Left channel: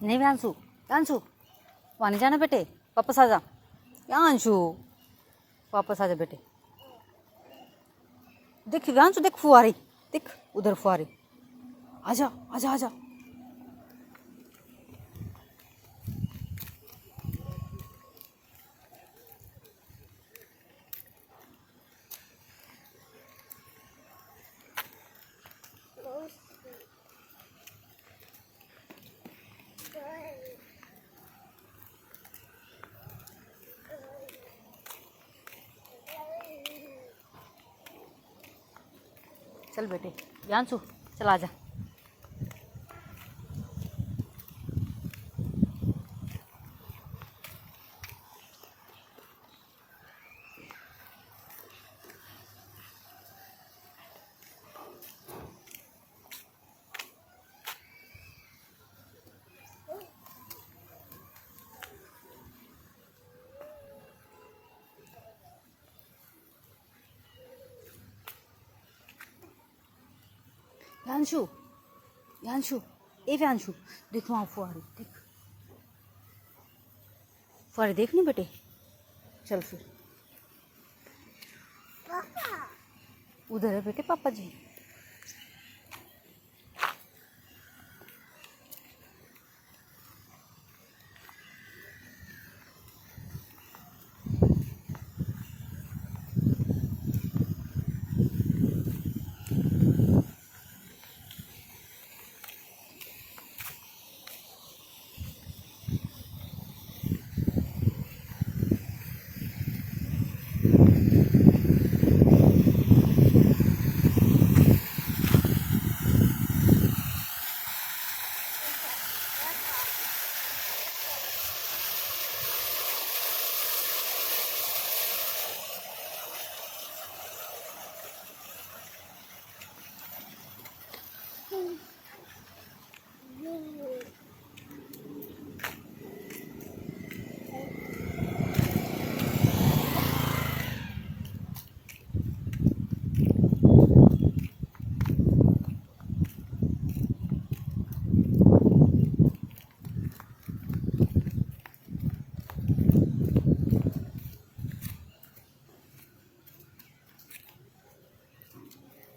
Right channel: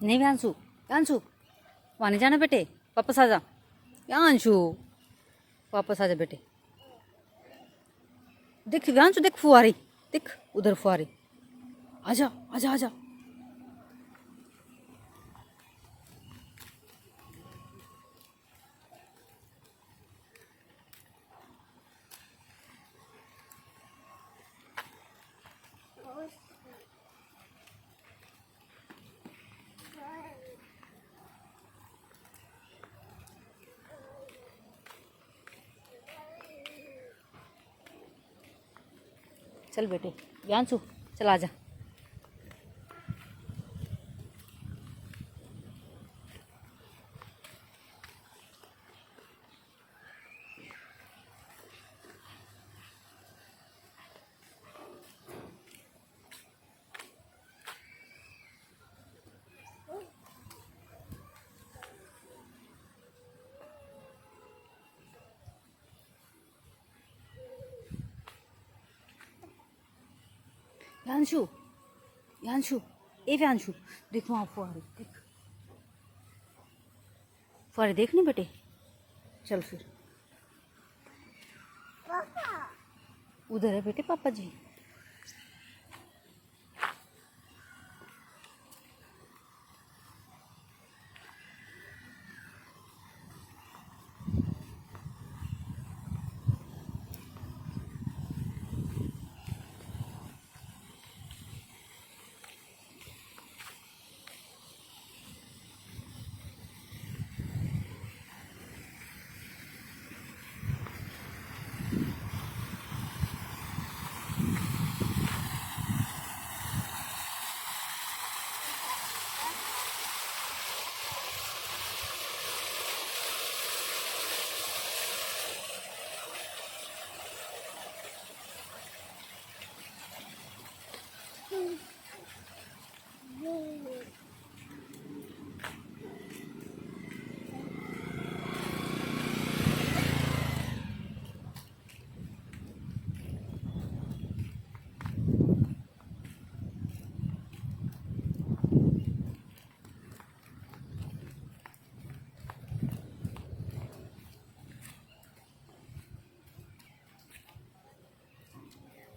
नहीं व्यांशु, व्यांशु वहाँ नहीं जाना बेटे, वापस आ जा। व्यांशु वापस आ जा बेटे। देख व्यांशु, देख फुहारी, देख उधर फुहारी। आजा आजा आजा। चल बेटे व्यांशु, चल आजा। व्यांशु, व्यांशु, ए व्यांशु, देख वहाँ फुहारी, देख फुहारी, देख नहीं बेटे। चल फिर उधर है बेटे पापा जी।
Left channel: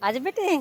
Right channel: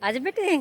आज बेटे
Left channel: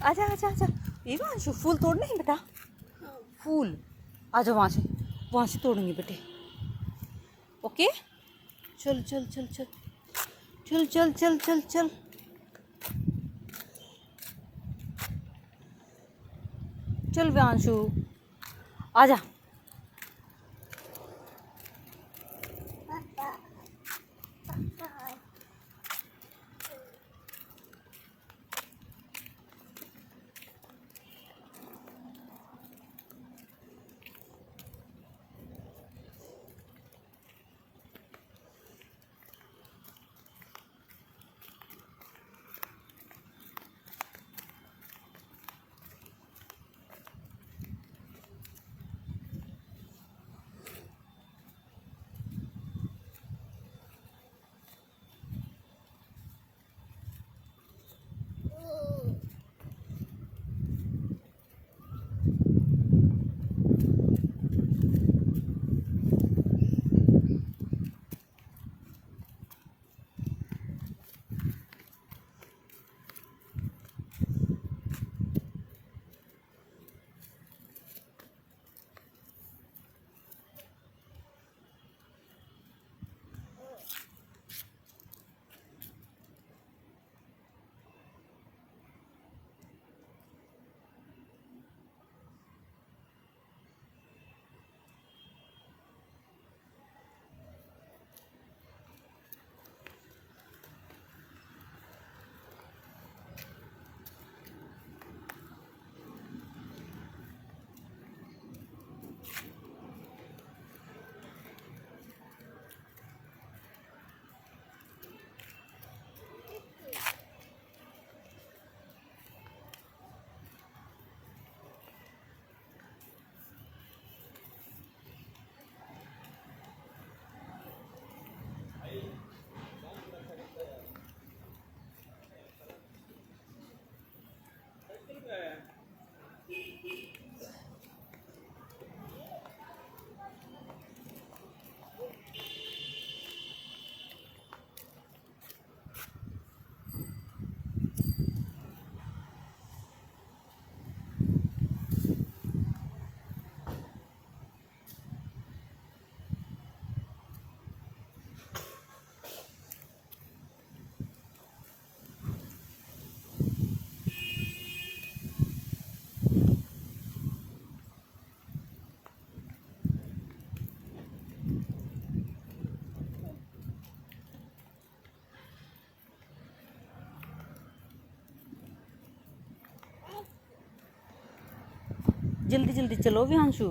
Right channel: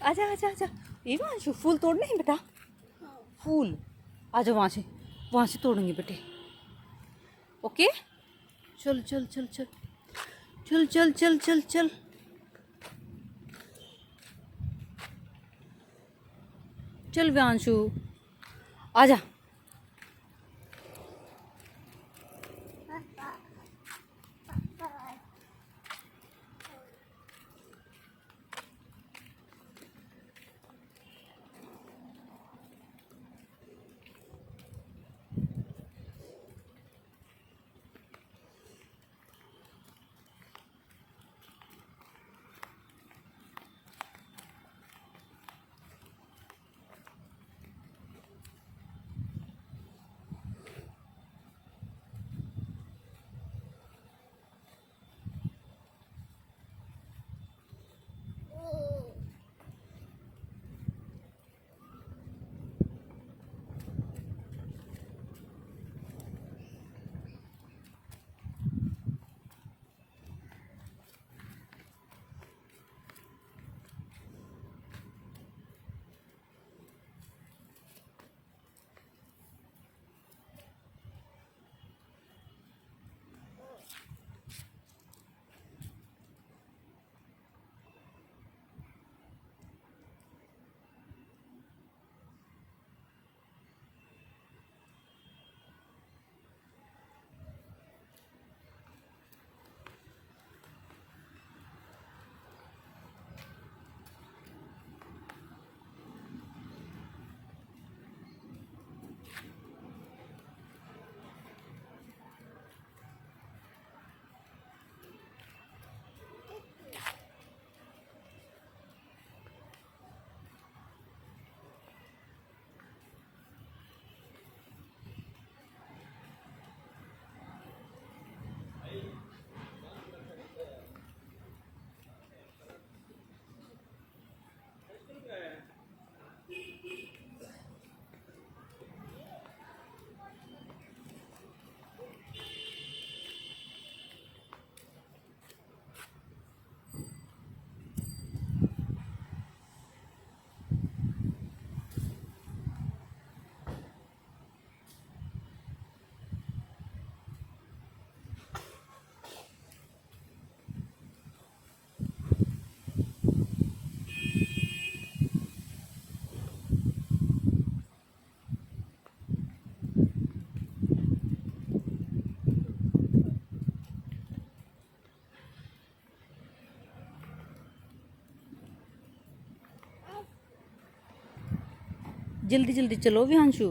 आजा आजा आजा। ये वहाँ फूल तोड़ने हैं बेटा, फूल। आजा वहाँ से तोड़ेंगे बेटे। ओके चल चल चल चल चल चल चल चल चल। चल व्यांशु आजा। जल्दी जल्दी चलो विहांशु।